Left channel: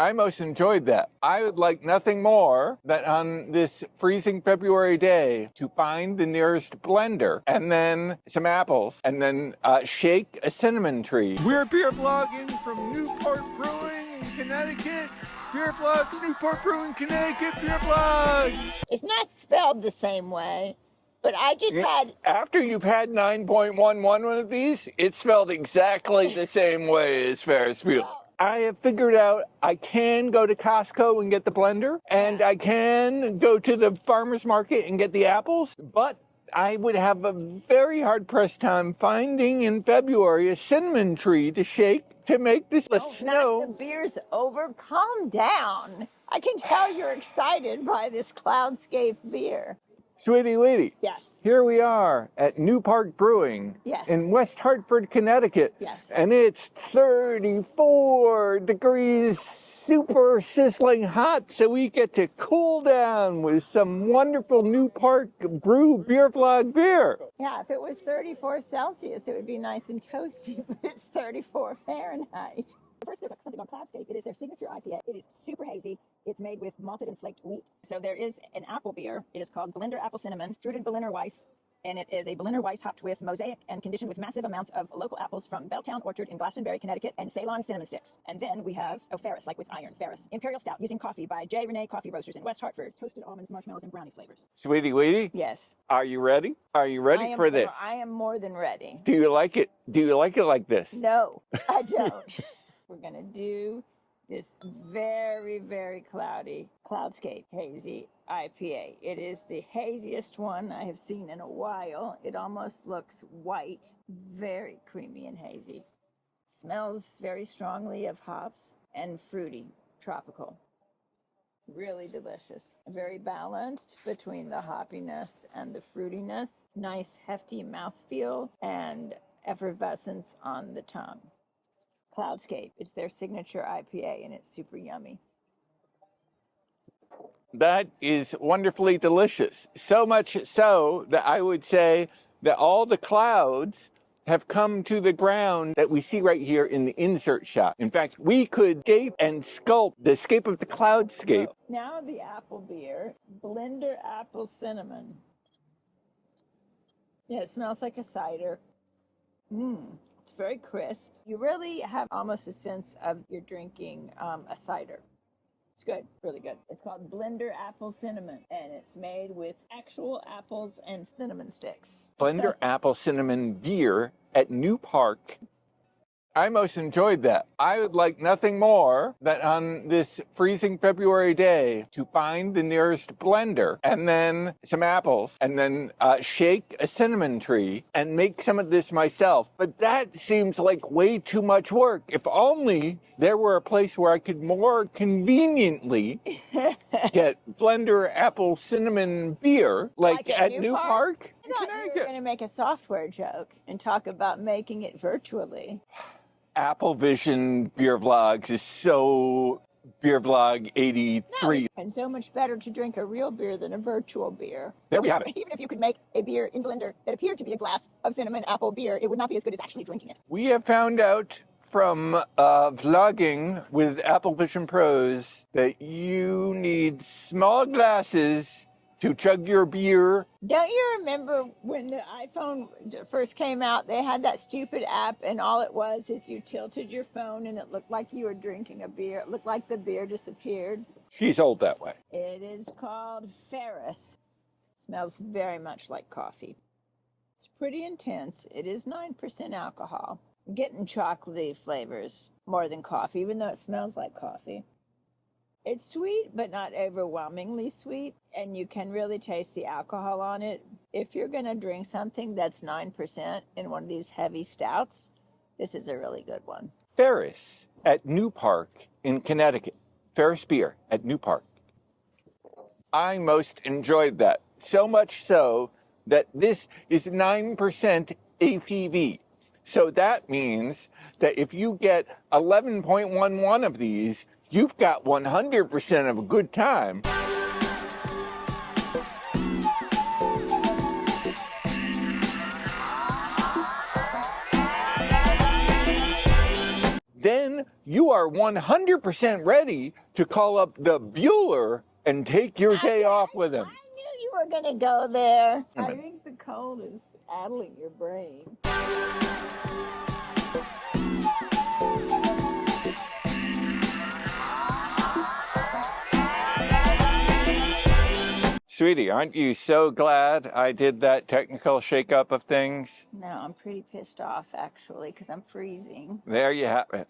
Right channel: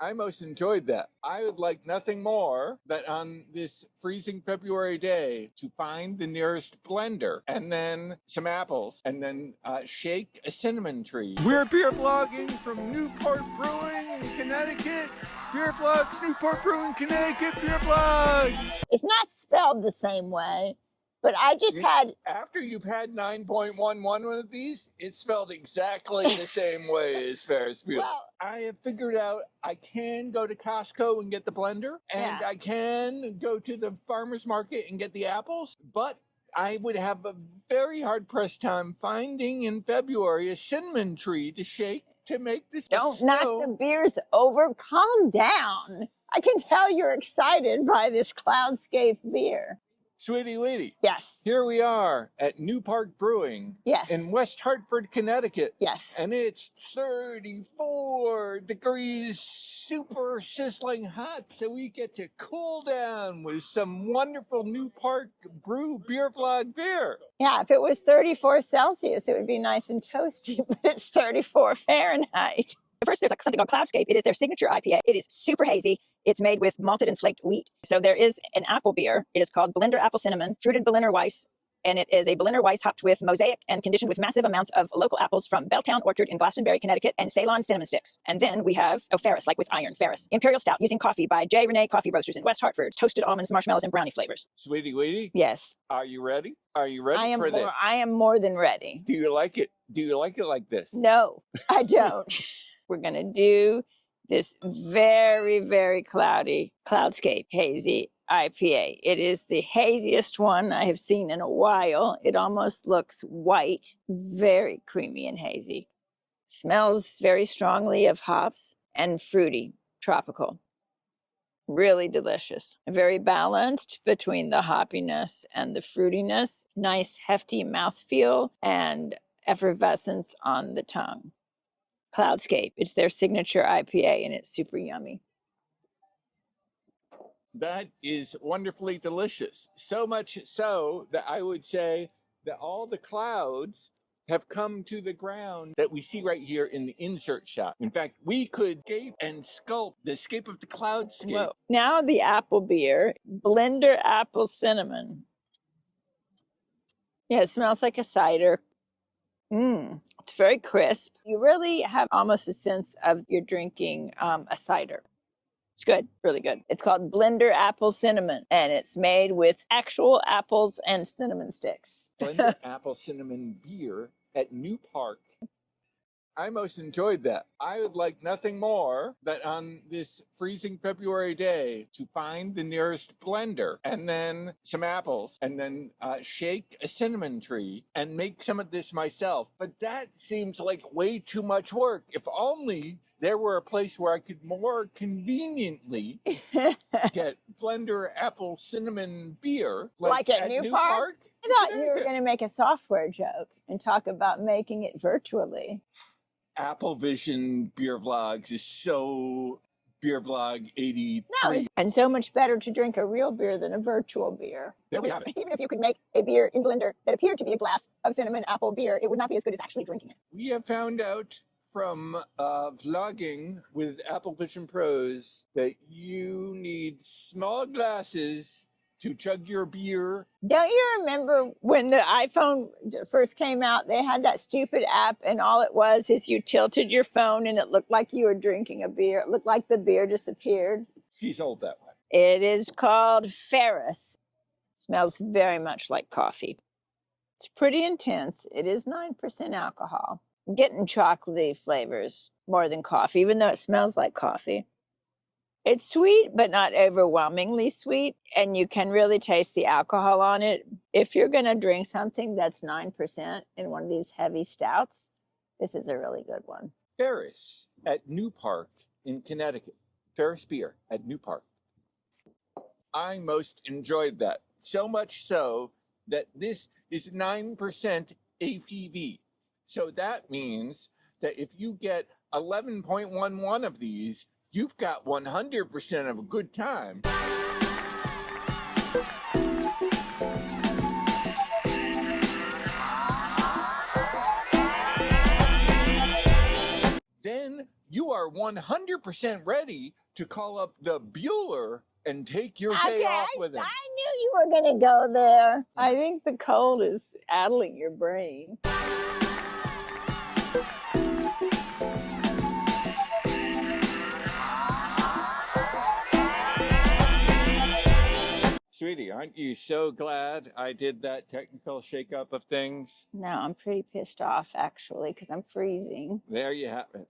I most enjoyed that. I would like nothing more than on this freezing February day to find the nearest blender and then some apples and then shake a cinnamon tree. We're beer vlogging from Newport Brewing in Connecticut. BeerVlogs, Newport Brewing, Connecticut, BeerVlogs. It's not spelled the same way, but I just had... After you've had 9.11 of these, it's spelled exactly the same way as Ferris Bueller. Well, I have figured out I can go to Costco and get the blender, and I can go to the farmer's market and get the apples, but I would have a very hard-pressed time finding in February a cinnamon tree to shake to make this. Don't knock the beers over. Calm down. I can tell you're excited by this Cloudscape beer. Sweetie Lady. Yes. Here we are at Park Brewing. Yes. In West Hartford, Connecticut. Yes. And it's 34 degrees, super sizzling hot, so we get to cool down with some wonderful Park Brew BeerVlog beer. Yeah, if it was 34 Celsius, it would be nice and toasty, but it's 34 Fahrenheit. First, there's something called Cloudscape. It is their signature IPA. It is super hazy. It's made with malted and flaked wheat. So there is an apple beer. It is called Blender Apple Cinnamon, fruited Berliner Weiss. And it is a Berliner Weiss hopped with mosaic and conditioned with massive amounts of local apples from Belltown Orchard in Glastonbury, Connecticut, and Ceylon cinnamon sticks. And then we have, Ferris, like with iron, Ferris. Imperial Stout using coffee by J. Renee Coffee Roasters in West Hartford. Toasted almonds, marshmallows, and brownie flavors. Sweetie Lady? Yes. Are you ready? Are you ready for this? I am more than ready. Do you like it? Do you like it like this? No, I don't. We're going to do this very, very cloudy Cloudscape Hazy IPA. It is the haziest one I have seen in a while. It almost looks white, very creamy and hazy. Smells very strongly of hops and fruity, tropical. Really delicious. Very balanced between the hoppiness and the fruitiness. Nice hefty mouthfeel and effervescence on the tongue. Cloudscape, it's their signature IPA and it's super yummy. That is wonderfully delicious. So much so that I would say that all the clouds have come to the ground that we see right here in the insert shot. In fact, we could scape and sculpt the scape of the cloudscape. Whoa. Now the apple beer, Blender Apple Cinnamon. Yeah, it smells like a cider. It's very crisp. You really have almost a sense of you're drinking a cider. It's good, really good. It's called Blender Apple Cinnamon, and it's made with actual apples and cinnamon sticks. Blender Apple Cinnamon beer at Park. I most enjoyed that. I would like nothing more than on this freezing February day to find the nearest blender and then some apples and then shake a cinnamon tree and make some of this myself. But that seems like way too much work. If only there were a place where I could more conveniently get Blender Apple Cinnamon beer, like at Park. I thought you were going to make a software joke and talk about making it virtually. Apple Vision BeerVlogs is so BeerVlog 83. No, and so much better to drink a real beer than a virtual beer. There we have it. Even if you could make a beer in blender that appeared to be a glass of cinnamon apple beer, it would not be as good as actually drinking it. We have found out from vlogging with Apple Vision Pros that you need small glasses to chug your beer. Don't you remember when the iPhone first came out, they had that stupid app and all it was is you tilted your phone and it looked like you were drinking a beer. It looked like the beer disappeared. She's old that way. It is called Ferris. Smells very much like coffee. It's pretty intense. It is 9% alcohol. I'm getting chocolatey flavors more than coffee, even though it smells like coffee. It's sweet, but not overwhelmingly sweet, and you can really taste the alcohol on it. If you're going to drink something that's 9% in one of these heavy stouts, this is a really good one. Ferris at Park in Connecticut. Ferris beer at Park. I most enjoyed that. So much so that this is 9% ABV. So that means that if you get 11.11 of these, you've got 100% of a good time. Then you are 100% ready to call up the Bueller and take your day off with him. I knew you were going to go there. I think the cold is addling your brain. Sweetie, aren't you so glad I did that technical shakeup of things? No, I'm pretty pissed off, actually, because I'm freezing. There you have it.